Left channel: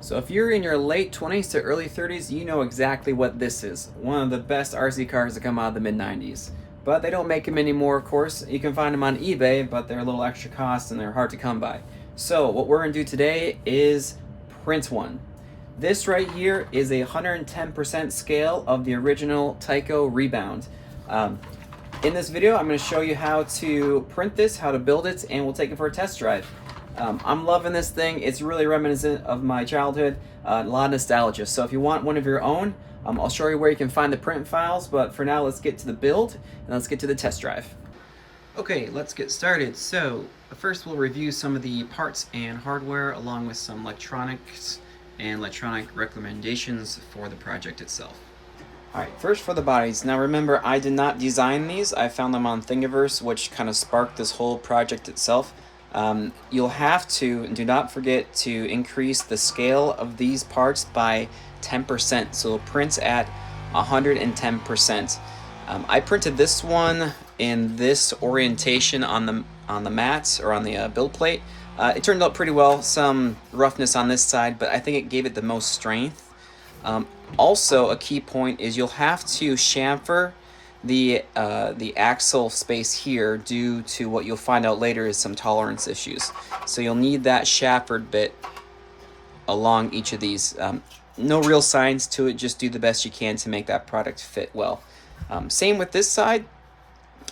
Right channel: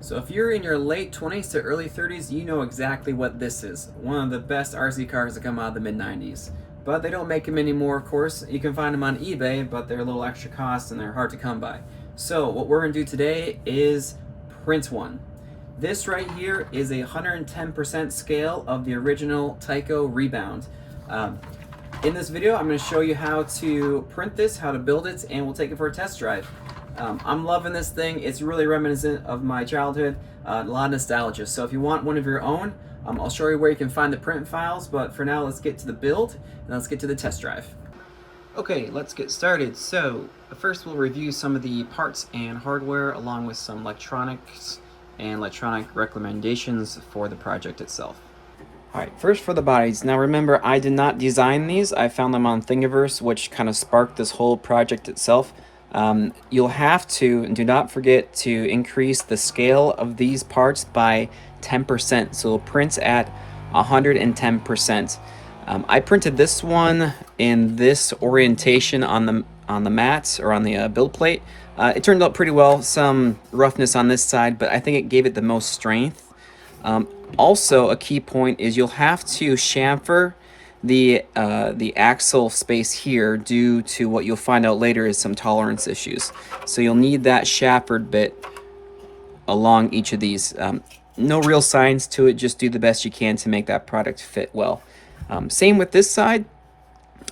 So if you're in your late 20s to early 30s, you know exactly what this is. One of the best RC cars to come out of the mid-90s. But they don't make them anymore, of course. You can find them on eBay, but they're a little extra cost and they're hard to come by. So what we're going to do today is print one. This right here is a 110% scale of the original Tyco Rebound. In this video, I'm going to show you how to print this, how to build it, and we'll take it for a test drive. I'm loving this thing. It's really reminiscent of my childhood, a lot of nostalgia. So if you want one of your own, I'll show you where you can find the print files, but for now let's get to the build and let's get to the test drive. Okay, let's get started. So first we'll review some of the parts and hardware along with some electronics and electronic recommendations for the project itself. Alright, first for the bodies. Now remember, I did not design these. I found them on Thingiverse, which kind of sparked this whole project itself. You'll have to, and do not forget to increase the scale of these parts by 10%, so it prints at 110%. I printed this one in this orientation on the mats or on the build plate. It turned out pretty well. Some roughness on this side, but I think it gave it the most strength. Also, a key point is you'll have to chamfer the axle space here due to what you'll find out later is some tolerance issues. So you'll need that chamfered bit along each of these. No real science to it, just do the best you can to make that product fit well. Same with this side,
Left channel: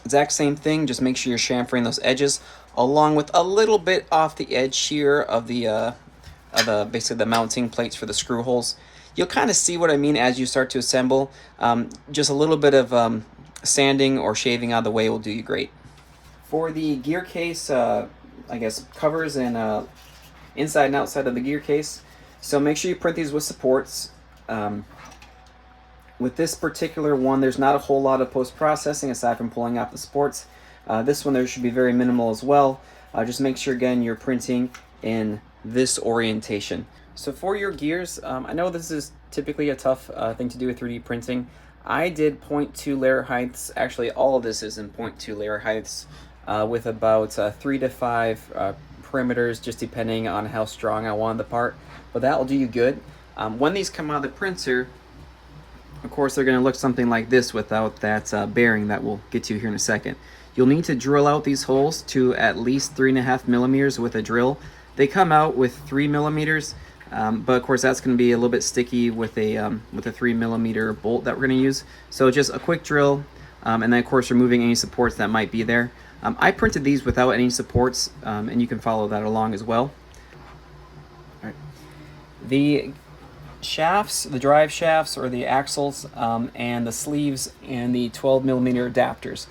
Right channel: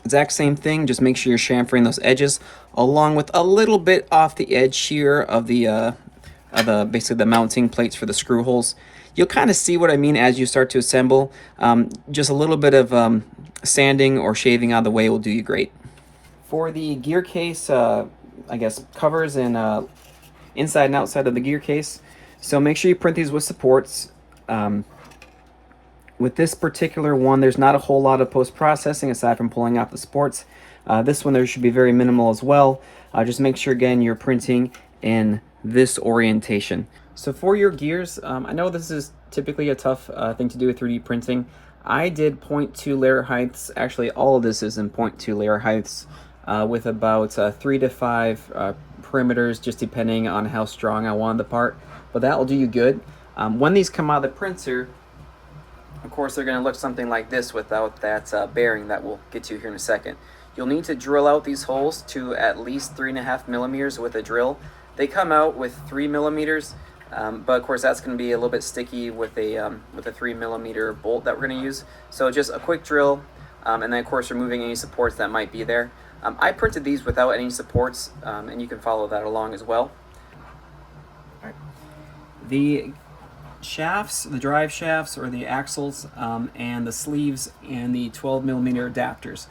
exact same thing, just make sure you're chamfering those edges along with a little bit off the edge here of the basically the mounting plates for the screw holes. You'll kind of see what I mean as you start to assemble. Just a little bit of sanding or shaving out of the way will do you great. For the gear case, I guess covers and inside and outside of the gear case, so make sure you print these with supports. With this particular one, there's not a whole lot of post-processing aside from pulling out the supports. This one there should be very minimal as well. Just make sure again you're printing in this orientation. So for your gears, I know this is typically a tough thing to do with 3D printing. I did 0.2 layer heights. Actually, all of this is in 0.2 layer heights with about 3 to 5 perimeters, just depending on how strong I wanted the part. But that will do you good. When these come out of the printer, of course, they're going to look something like this without that bearing that we'll get to here in a second. You'll need to drill out these holes to at least 3.5 millimeters with a drill. They come out with 3 millimeters. But of course that's going to be a little bit sticky with a 3 millimeter bolt that we're going to use. So just a quick drill, and then of course removing any supports that might be there. I printed these without any supports, and you can follow that along as well. The shafts, the drive shafts or the axles, and the sleeves and the 12 millimeter adapters.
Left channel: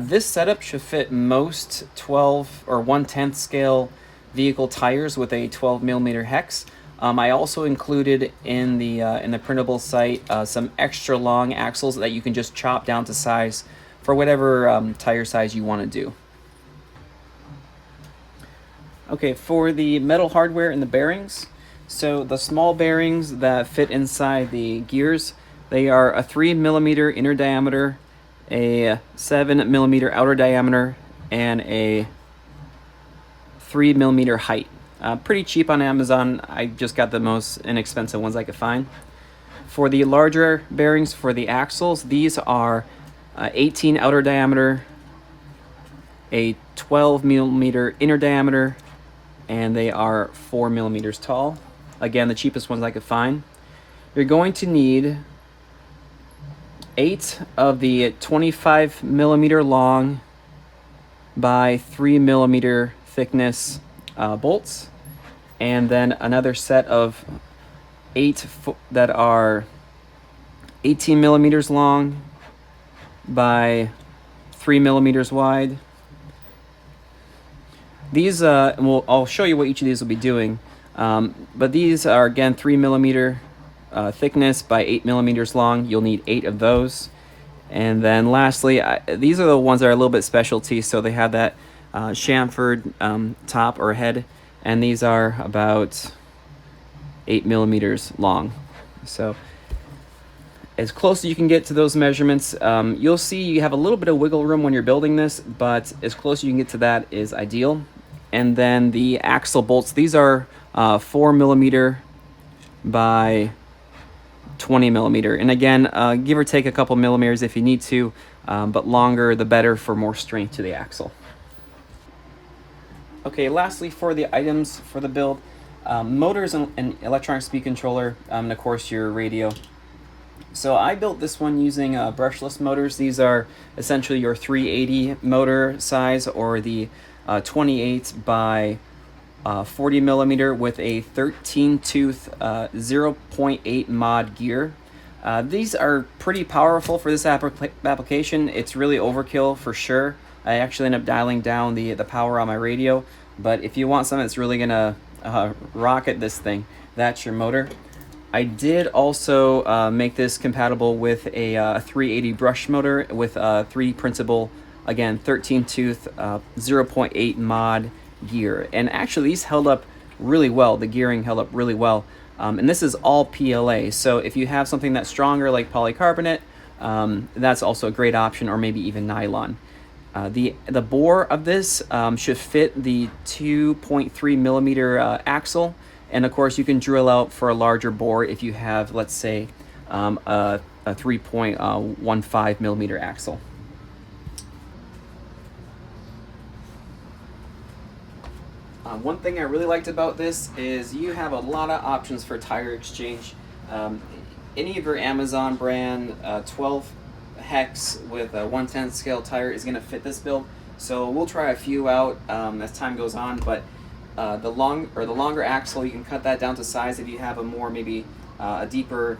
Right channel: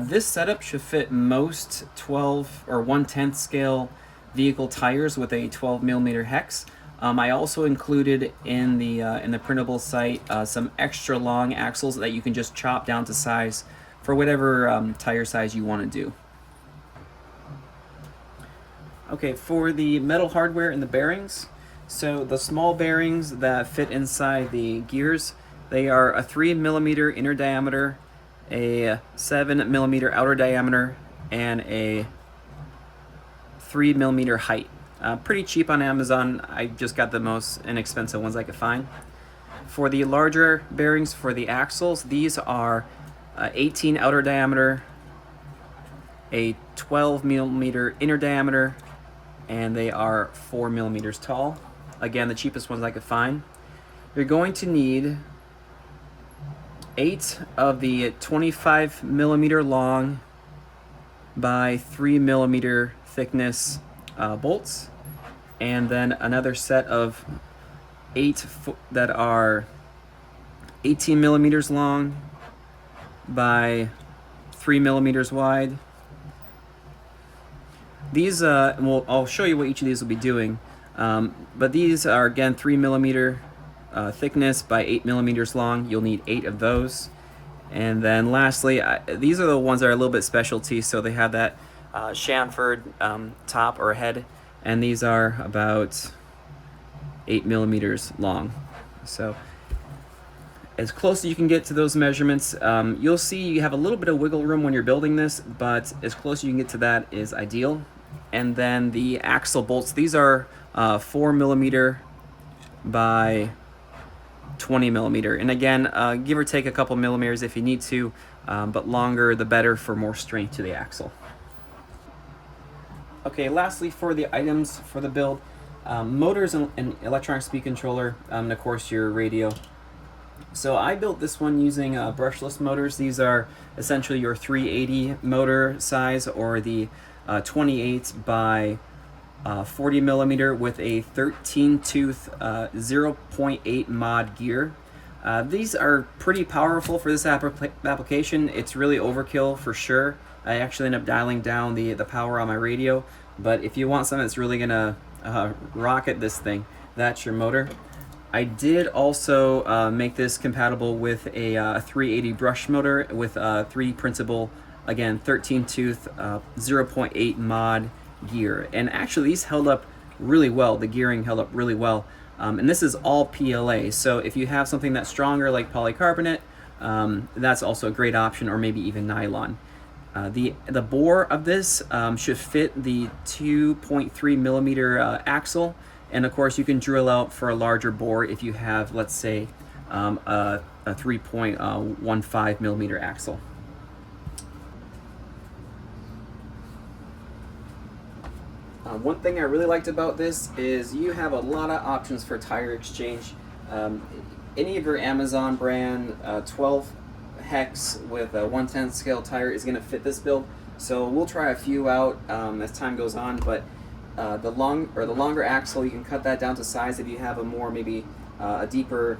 This setup should fit most 12 or 1/10 scale vehicle tires with a 12 millimeter hex. I also included in the printable site some extra long axles that you can just chop down to size for whatever tire size you want to do. Okay, for the metal hardware and the bearings, so the small bearings that fit inside the gears, they are a 3 millimeter inner diameter, a 7 millimeter outer diameter, and a 3 millimeter height. Pretty cheap on Amazon. I just got the most inexpensive ones I could find. For the larger bearings for the axles, these are 18 outer diameter, a 12 millimeter inner diameter, and they are 4 millimeters tall. Again, the cheapest ones I could find. You're going to need 8 of the 25 millimeter long by 3 millimeter thickness bolts, and then another set of 8 that are 18 millimeters long by 3 millimeters wide. These, I'll show you what each of these will be doing, but these are again 3 millimeter thickness by 8 millimeters long. You'll need 8 of those. And then lastly, these are the ones that are a little bit specialty, so they have that chamfered top or head, and these are about 8 millimeters long. So as close as you can get to those measurements. You'll see you have a little bit of wiggle room when you're building this, but as close as you can get to that is ideal. And then the axle bolts, these are 4 millimeter by 20 millimeter. And again, give or take a couple millimeters if you need to, but longer the better for more strength to the axle. Okay, lastly for the items for the build, motors and electronic speed controller, and of course your radio. So I built this one using brushless motors. These are essentially your 380 motor size, or the 28 by 40 millimeter with a 13 tooth 0.8 mod gear. These are pretty powerful for this application. It's really overkill for sure. I actually end up dialing down the power on my radio, but if you want something that's really gonna rocket this thing, that's your motor. I did also make this compatible with a 380 brush motor with 3D printable, again 13 tooth 0.8 mod gear, and actually these held up really well. The gearing held up really well, and this is all PLA, so if you have something that's stronger like polycarbonate, that's also a great option, or maybe even nylon. The bore of this should fit the 2.3 millimeter axle, and of course you can drill out for a larger bore if you have, let's say, a 3.15 millimeter axle. One thing I really liked about this is you have a lot of options for tire exchange. Any of your Amazon brand 12 hex with a 1/10 scale tire is going to fit this build, so we'll try a few out as time goes on, but the longer axle, you can cut that down to size if you have a more, maybe a deeper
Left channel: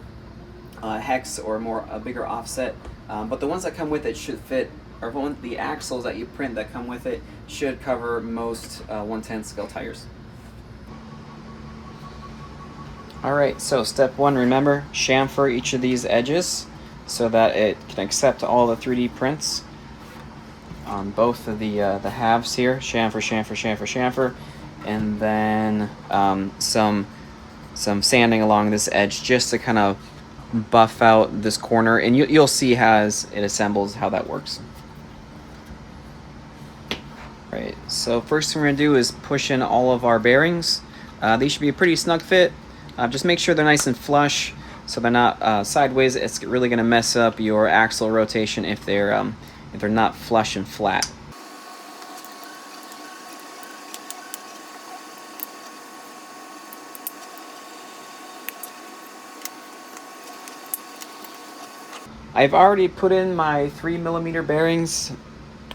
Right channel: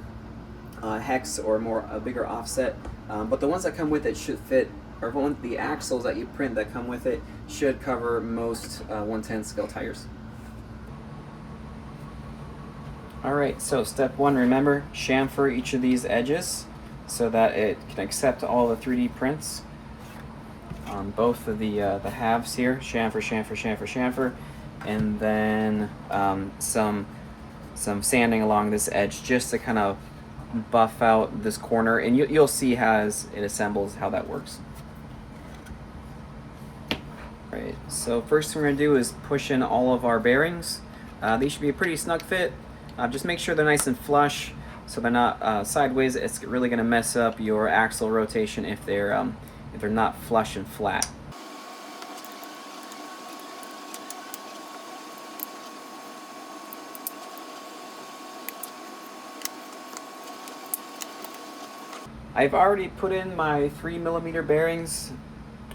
hex or a bigger offset, but the ones that come with it should fit, or the axles that you print that come with it should cover most 1/10 scale tires. Alright, so step one, remember, chamfer each of these edges so that it can accept all the 3D prints on both of the halves here. Chamfer, chamfer, chamfer, chamfer, and then some sanding along this edge just to kind of buff out this corner, and you'll see as it assembles how that works. Right, so first thing we're going to do is push in all of our bearings. These should be a pretty snug fit. Just make sure they're nice and flush so they're not sideways. It's really going to mess up your axle rotation if they're not flush and flat. I've already put in my 3 millimeter bearings,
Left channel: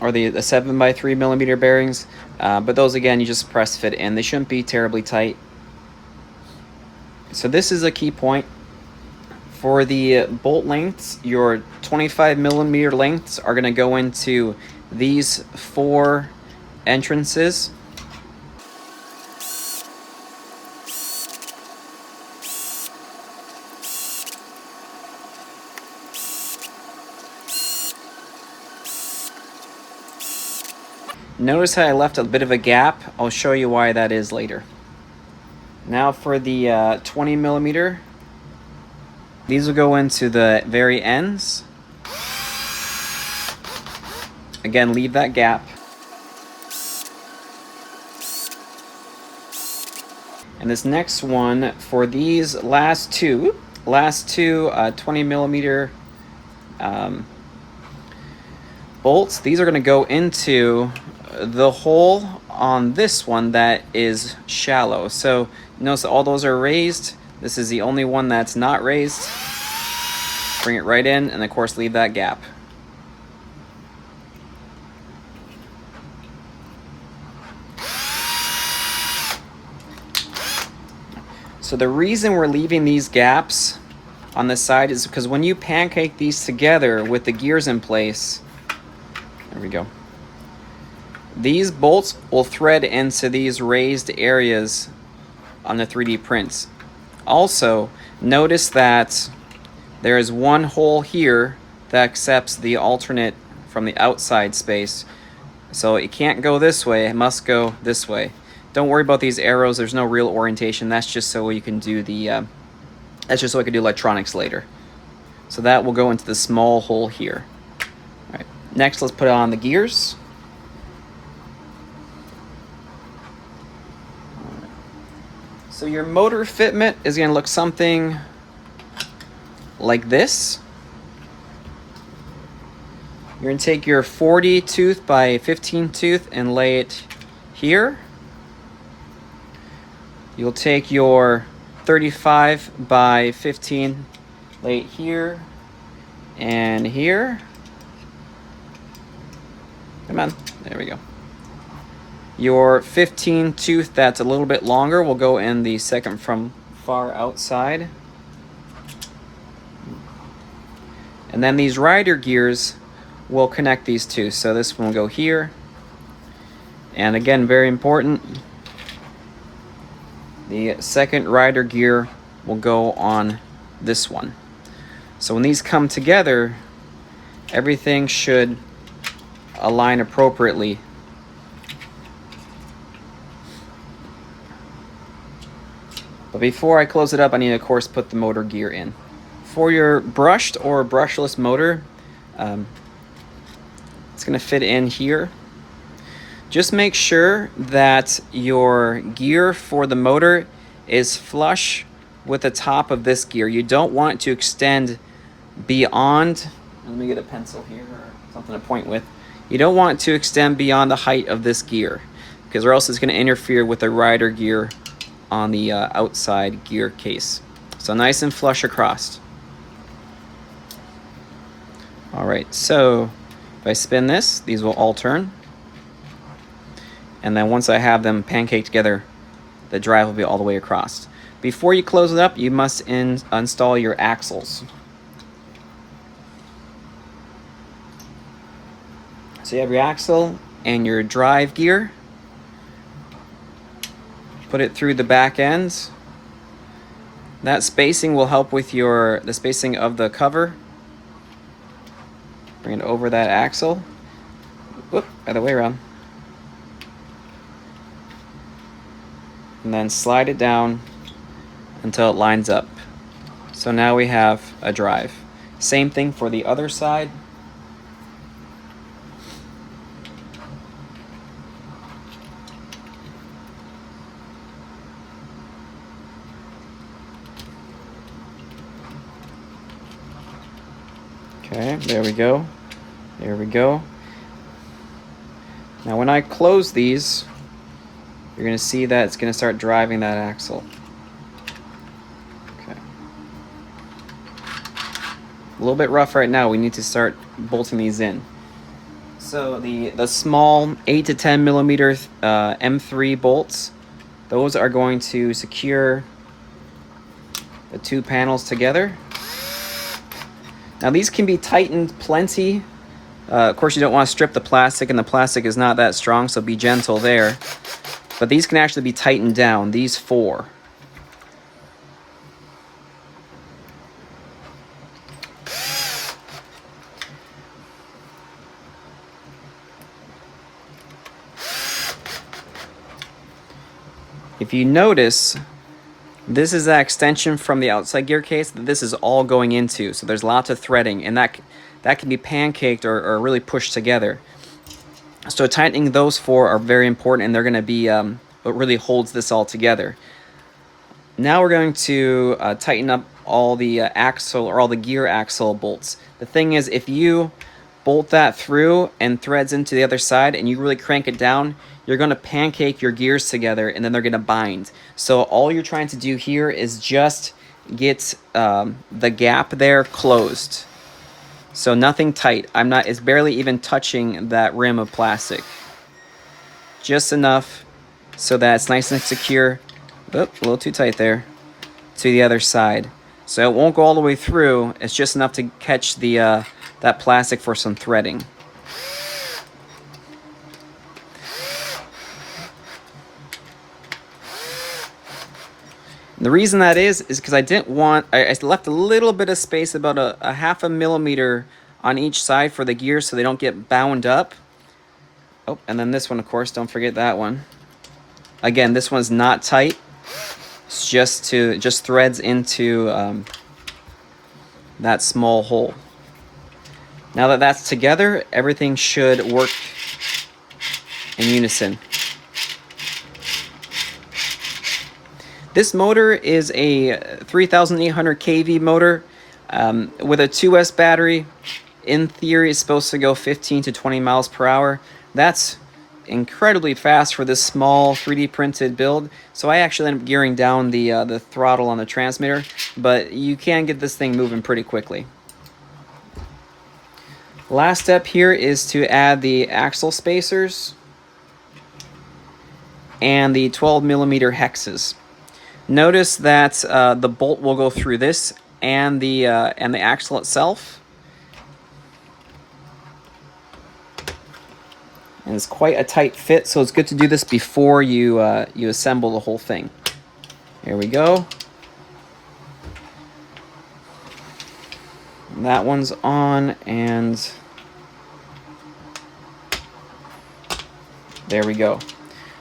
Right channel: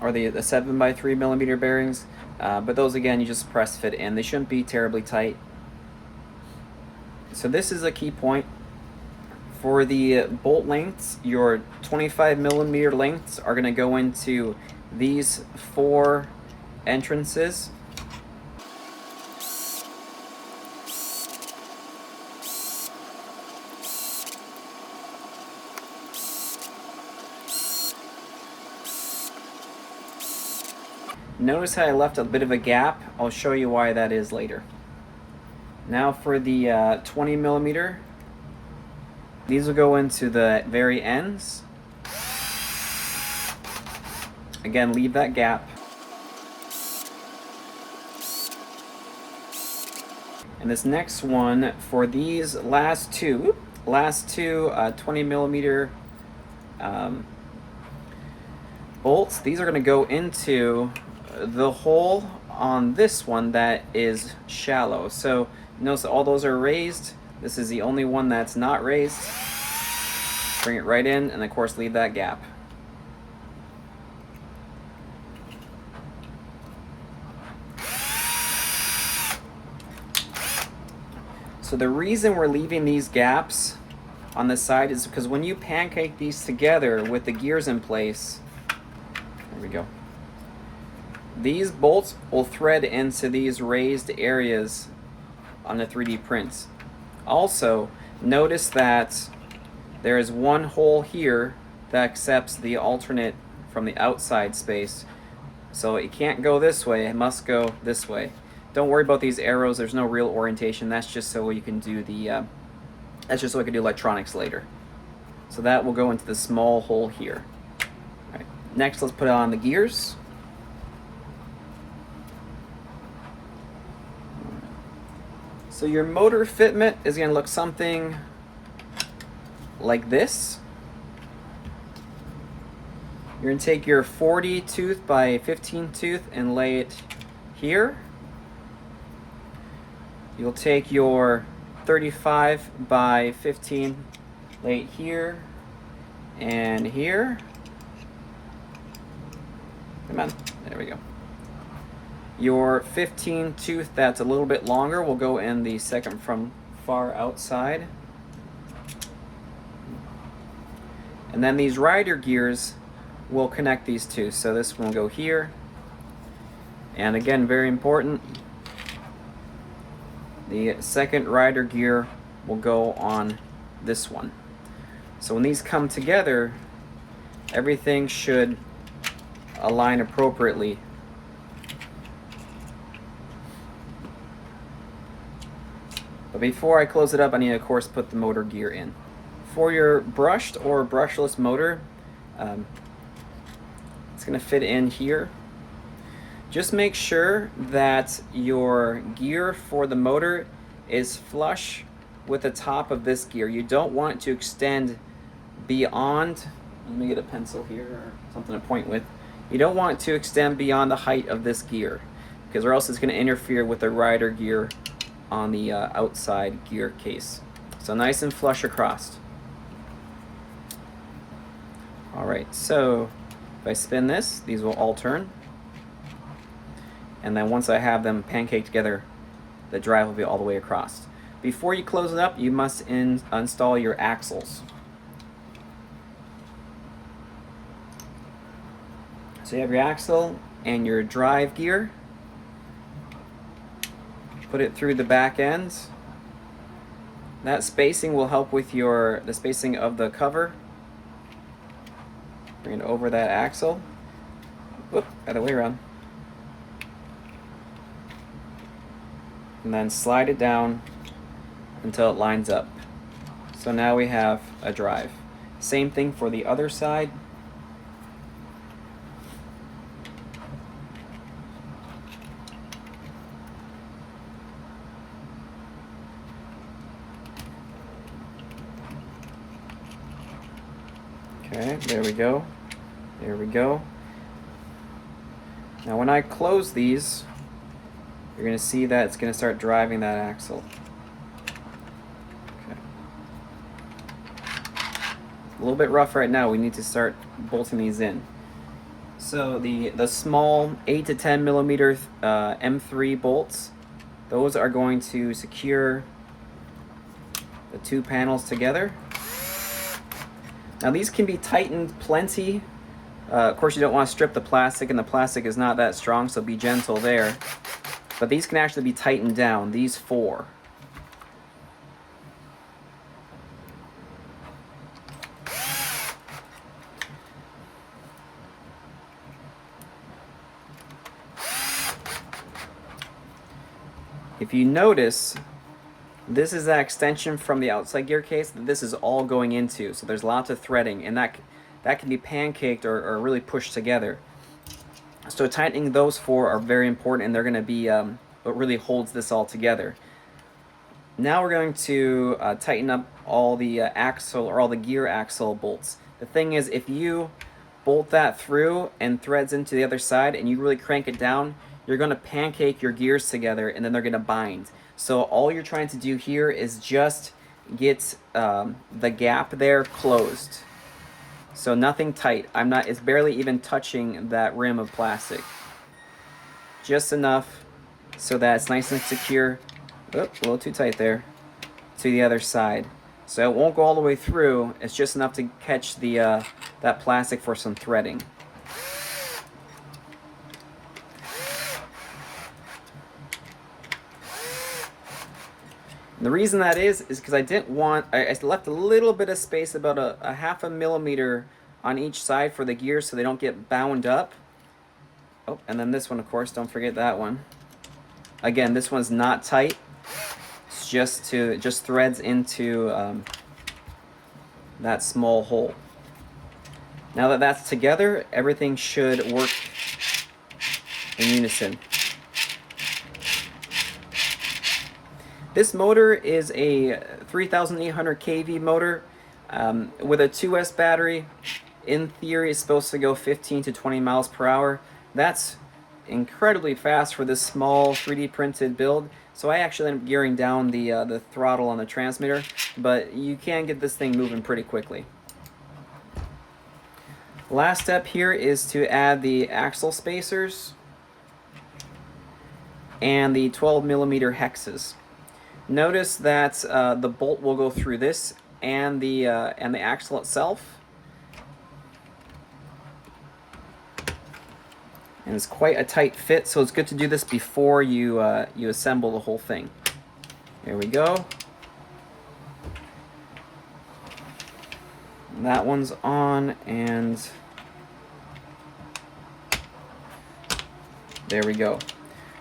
or the 7 by 3 millimeter bearings, but those again you just press fit in. They shouldn't be terribly tight. So this is a key point. For the bolt lengths, your 25 millimeter lengths are going to go into these 4 entrances. Notice how I left a bit of a gap. I'll show you why that is later. Now for the 20 millimeter, these will go into the very ends. Again, leave that gap. And this next one, for these last two 20 millimeter bolts, these are going to go into the hole on this one that is shallow. So notice that all those are raised. This is the only one that's not raised. Bring it right in, and of course leave that gap. So the reason we're leaving these gaps on this side is because when you pancake these together with the gears in place, there we go, these bolts will thread into these raised areas on the 3D prints. Also, notice that there is one hole here that accepts the alternate from the outside space. So it can't go this way, it must go this way. Don't worry about these arrows, there's no real orientation. That's just so you can do that's just so I can do electronics later. So that will go into the small hole here. All right. Next, let's put on the gears. So your motor fitment is going to look something like this. You're going to take your 40 tooth by 15 tooth and lay it here. You'll take your 35 by 15, lay it here and here. Come on, there we go. Your 15 tooth that's a little bit longer will go in the second from far outside. And then these rider gears will connect these two. So this one will go here. And again, very important, the second rider gear will go on this one. So when these come together, everything should align appropriately. But before I close it up, I need to, of course, put the motor gear in. For your brushed or brushless motor, it's going to fit in here. Just make sure that your gear for the motor is flush with the top of this gear. You don't want it to extend beyond, let me get a pencil here or something to point with. You don't want it to extend beyond the height of this gear, because or else it's going to interfere with the rider gear on the outside gear case. So nice and flush across. Alright, so if I spin this, these will all turn. And then once I have them pancaked together, the drive will be all the way across. Before you close it up, you must install your axles. So you have your axle and your drive gear. Put it through the back ends. That spacing will help with the spacing of the cover. Bring it over that axle. Whoop, other way around. And then slide it down until it lines up. So now we have a drive. Same thing for the other side. Okay, there we go. There we go. Now when I close these, you're going to see that it's going to start driving that axle. Okay. A little bit rough right now. We need to start bolting these in. So the small 8 to 10 millimeter M3 bolts, those are going to secure the two panels together. Now these can be tightened plenty. Of course you don't want to strip the plastic, and the plastic is not that strong, so be gentle there. But these can actually be tightened down, these four. If you notice, this is that extension from the outside gear case that this is all going into, so there's lots of threading, and that can be pancaked or really pushed together. So tightening those four are very important, and they're going to be what really holds this all together. Now we're going to tighten up all the axle or all the gear axle bolts. The thing is, if you bolt that through and threads into the other side and you really crank it down, you're going to pancake your gears together, and then they're going to bind. So all you're trying to do here is just get the gap there closed. So nothing tight. It's barely even touching that rim of plastic. Just enough so that it's nice and secure. Oop, a little too tight there. To the other side. So it won't go all the way through. It's just enough to catch the that plastic for some threading. And the reason that is because I didn't want, I left a little bit of space, about a 0.5 millimeter on each side for the gears so they don't get bound up. Oh, and then this one, of course, don't forget that one. Again, this one's not tight. It's just threads into that small hole. Now that that's together, everything should work in unison. This motor is a 3,800 kV motor with a 2S battery. In theory, it's supposed to go 15 to 20 miles per hour. That's incredibly fast for this small 3D printed build, so I actually end up gearing down the throttle on the transmitter, but you can get this thing moving pretty quickly. Last step here is to add the axle spacers and the 12mm hexes. Notice that the bolt will go through this and the axle itself. And it's quite a tight fit, so it's good to do this before you assemble the whole thing. Here we go. That one's on, and there we go.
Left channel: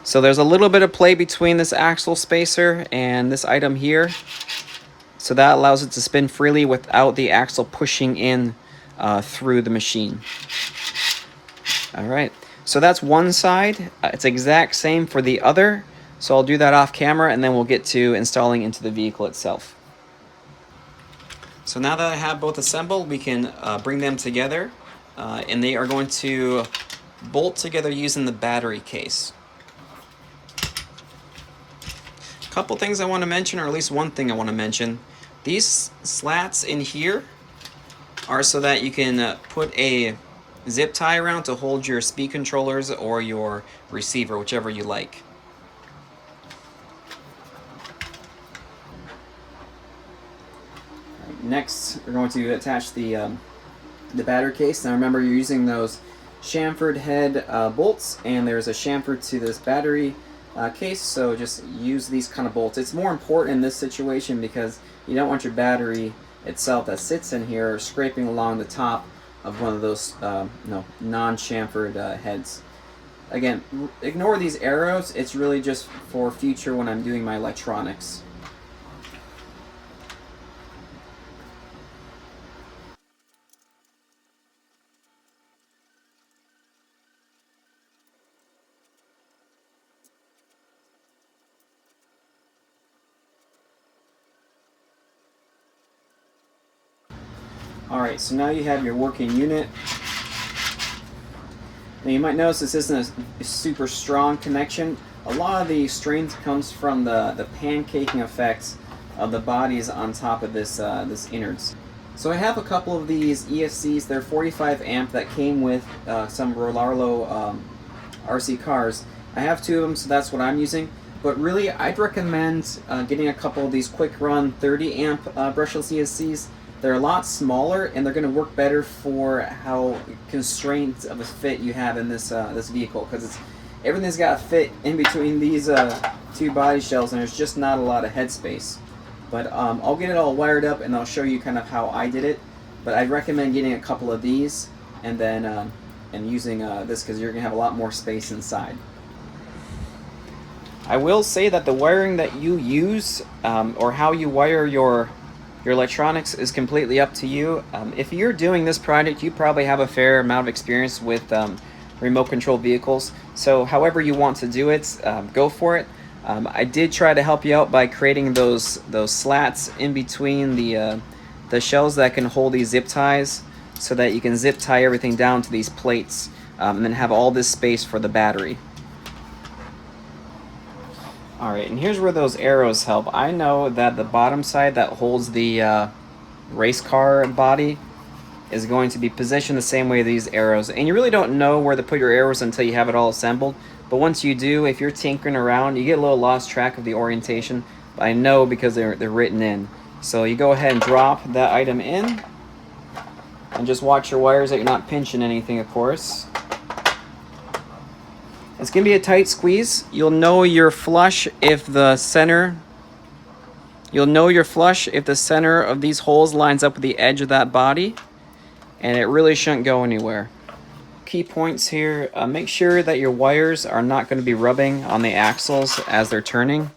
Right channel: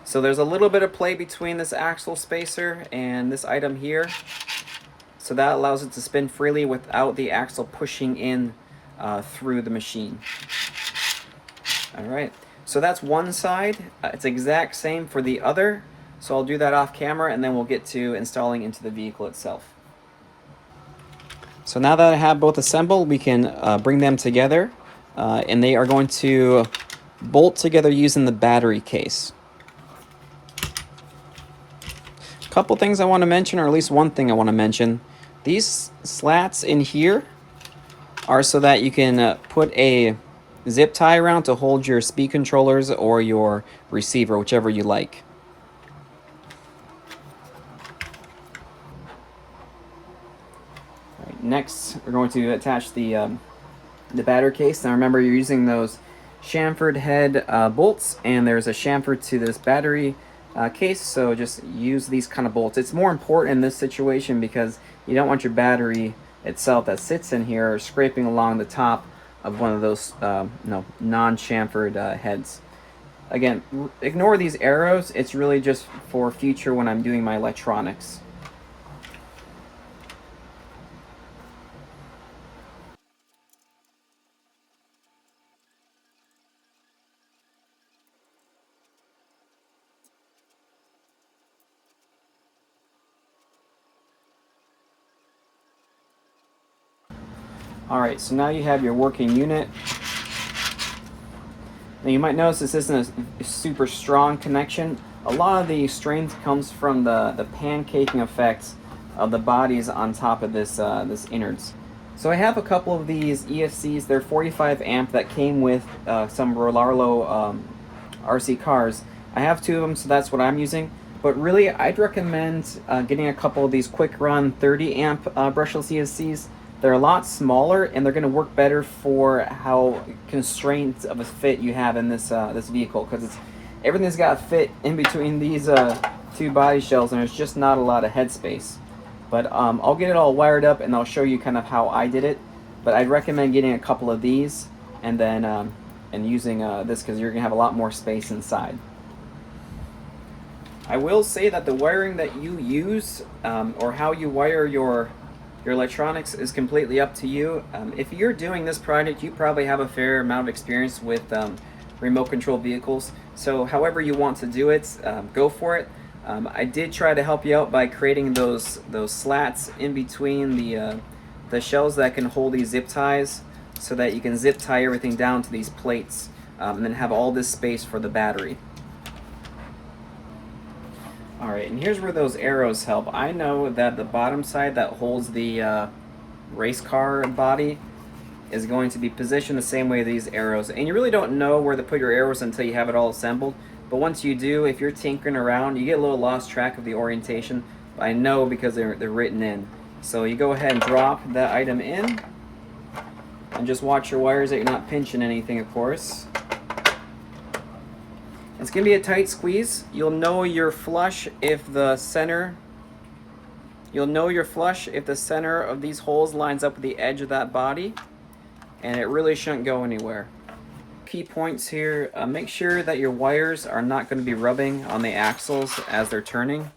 So there's a little bit of play between this axle spacer and this item here. So that allows it to spin freely without the axle pushing in through the machine. All right. So that's one side. It's exact same for the other. So I'll do that off camera, and then we'll get to installing into the vehicle itself. So now that I have both assembled, we can bring them together, and they are going to bolt together using the battery case. A couple things I want to mention, or at least one thing I want to mention. These slats in here are so that you can put a zip tie around to hold your speed controllers or your receiver, whichever you like. Right, next, we're going to attach the battery case. Now remember, you're using those chamfered head bolts, and there's a chamfer to this battery case, so just use these kind of bolts. It's more important in this situation because you don't want your battery itself that sits in here scraping along the top of one of those non-chamfered heads. Again, ignore these arrows. It's really just for future when I'm doing my electronics. Alright, so now you have your working unit. Now you might notice this isn't a super strong connection. A lot of the strength comes from the pancaking effect of the bodies on top of this innards. So I have a couple of these ESCs. They're 45 amp that came with some Rollarlo RC cars. I have two of them, so that's what I'm using. But really, I'd recommend getting a couple of these quick run 30 amp brushless ESCs. They're a lot smaller, and they're going to work better for how constrained of a fit you have in this this vehicle, because everything's got to fit in between these two body shells, and there's just not a lot of headspace. But I'll get it all wired up, and I'll show you kind of how I did it. But I'd recommend getting a couple of these, and then and using this, because you're going to have a lot more space inside. I will say that the wiring that you use, or how you wire your electronics, is completely up to you. If you're doing this project, you probably have a fair amount of experience with remote control vehicles. So however you want to do it, go for it. I did try to help you out by creating those slats in between the shells that can hold these zip ties, so that you can zip tie everything down to these plates, and then have all this space for the battery. Alright, and here's where those arrows help. I know that the bottom side that holds the race car body is going to be positioned the same way these arrows. And you really don't know where to put your arrows until you have it all assembled. But once you do, if you're tinkering around, you get a little lost track of the orientation. But I know because they're written in. So you go ahead and drop that item in. And just watch your wires that you're not pinching anything, of course. It's going to be a tight squeeze. You'll know you're flush if the center of these holes lines up with the edge of that body, and it really shouldn't go anywhere. Key points here, make sure that your wires are not going to be rubbing on the axles as they're turning,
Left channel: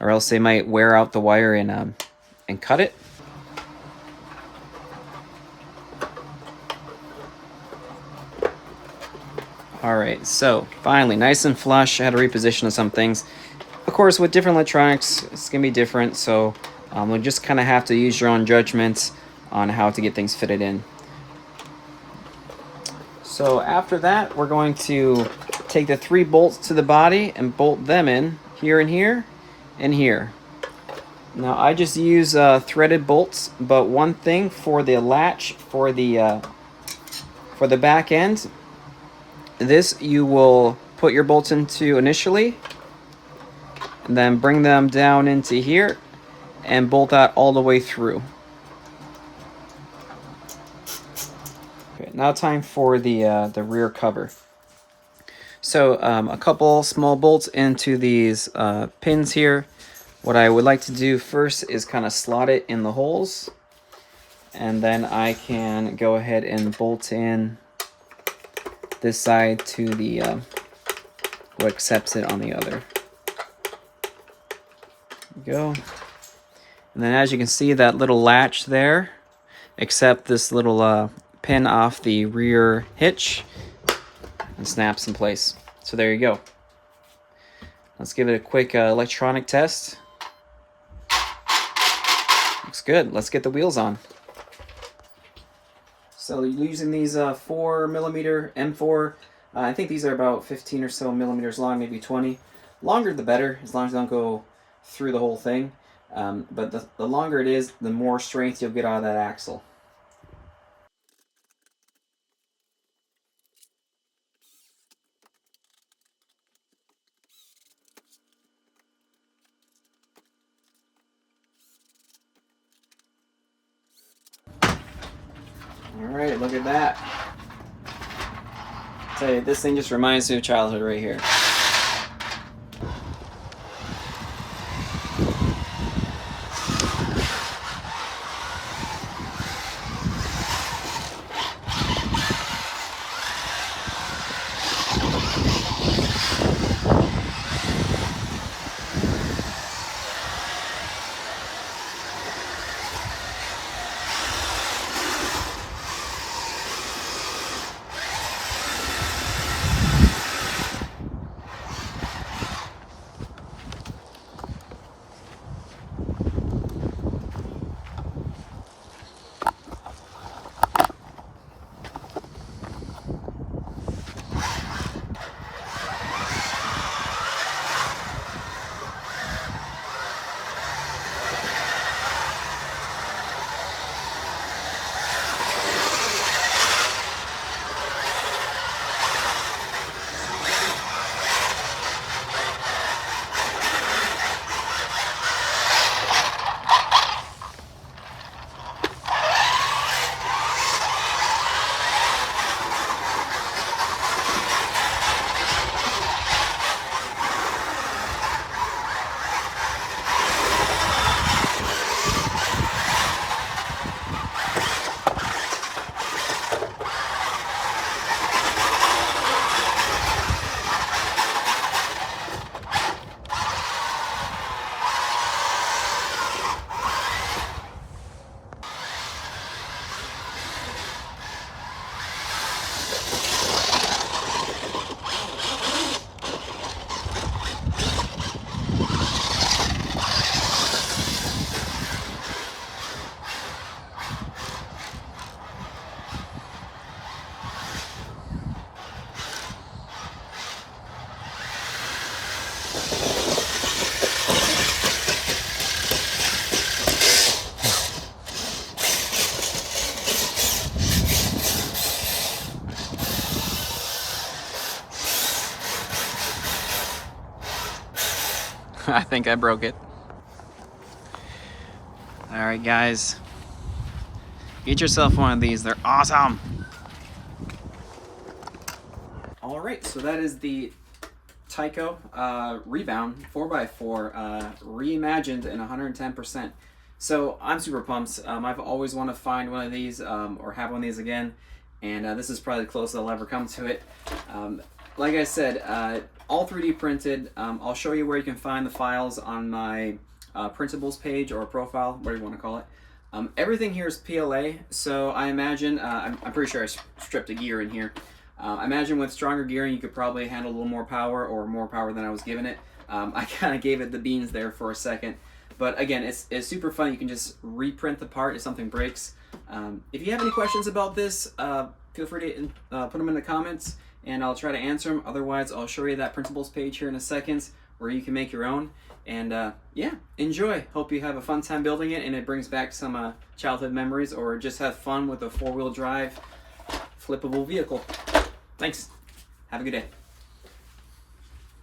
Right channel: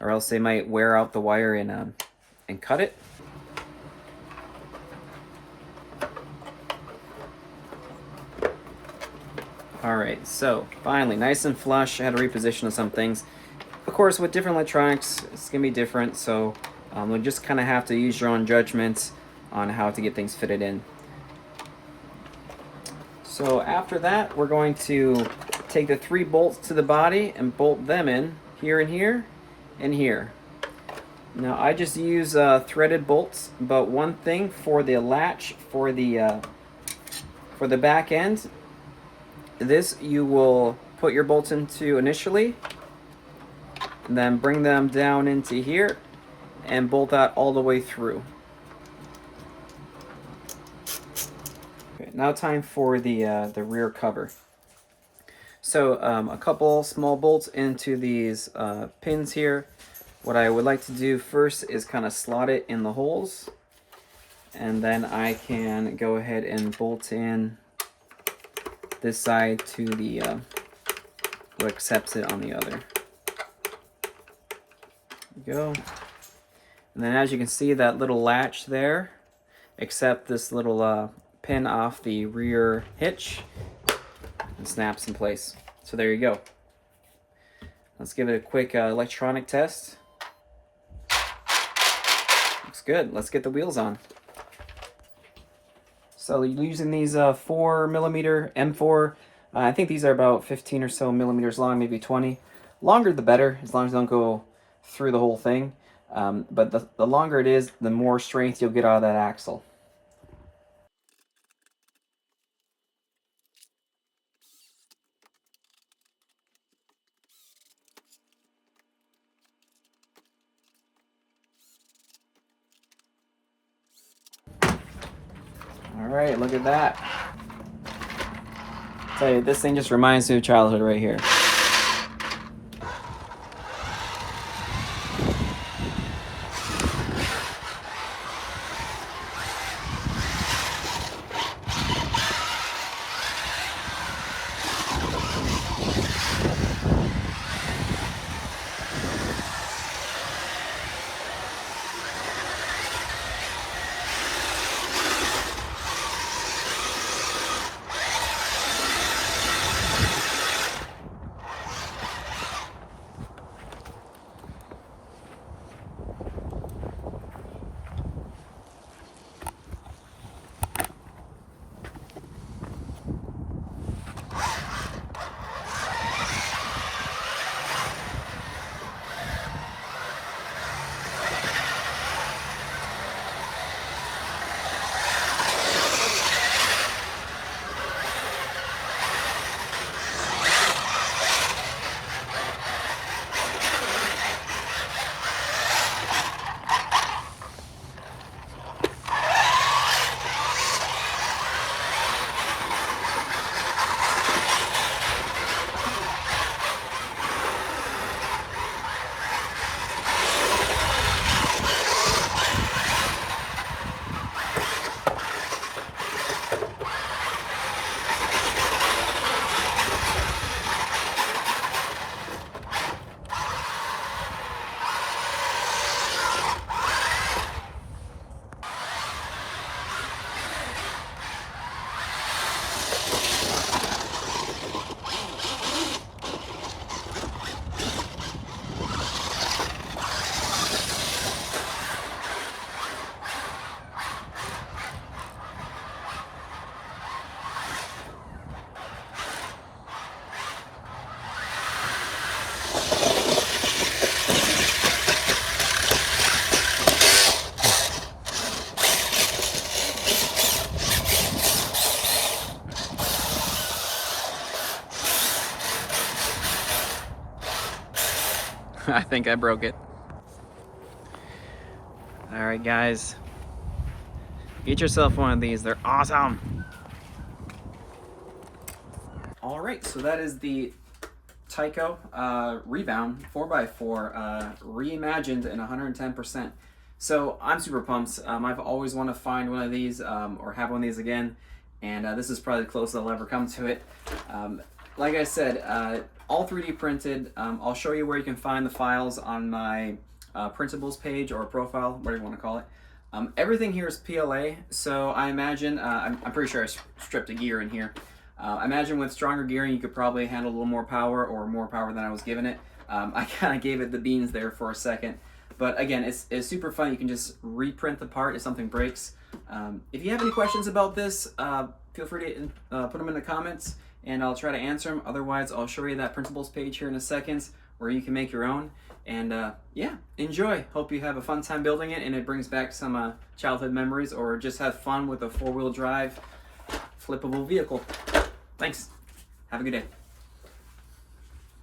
or else they might wear out the wire and cut it. Alright, so finally, nice and flush. I had to reposition some things. Of course, with different electronics, it's gonna be different, so you'll just kind of have to use your own judgments on how to get things fitted in. So after that, we're going to take the 3 bolts to the body and bolt them in here and here and here. Now I just use threaded bolts, but one thing for the latch for the back end, this you will put your bolts into initially, and then bring them down into here and bolt that all the way through. Okay, now time for the rear cover. So a couple small bolts into these pins here. What I would like to do first is kind of slot it in the holes, and then I can go ahead and bolt in this side to the what accepts it on the other. There we go. And then as you can see, that little latch there, except this little pin off the rear hitch, and snaps in place. So there you go. Let's give it a quick electronic test. Looks good. Let's get the wheels on. So using these 4mm M4, I think these are about 15 or so millimeters long, maybe 20. Longer the better, as long as they don't go through the whole thing. But the longer it is, the more strength you'll get out of that axle. Alright, look at that. I'll tell you, this thing just reminds me of childhood right here. I think I broke it. Alright guys, get yourself one of these, they're awesome! Alright, so that is the Tyco Rebound 4x4 reimagined in 110%. So I'm super pumped. I've always wanted to find one of these or have one of these again, and this is probably the closest I'll ever come to it. Like I said, all 3D printed. I'll show you where you can find the files on my printables page or profile, whatever you want to call it. Everything here is PLA, so I imagine, I'm pretty sure I stripped a gear in here. I imagine with stronger gearing you could probably handle a little more power or more power than I was giving it. I kind of gave it the beans there for a second. But again, it's super fun. You can just reprint the part if something breaks. If you have any questions about this, feel free to put them in the comments and I'll try to answer them. Otherwise, I'll show you that principles page here in a second where you can make your own. And yeah, enjoy. Hope you have a fun time building it and it brings back some childhood memories, or just have fun with a 4-wheel drive flippable vehicle. Thanks. Have a good day.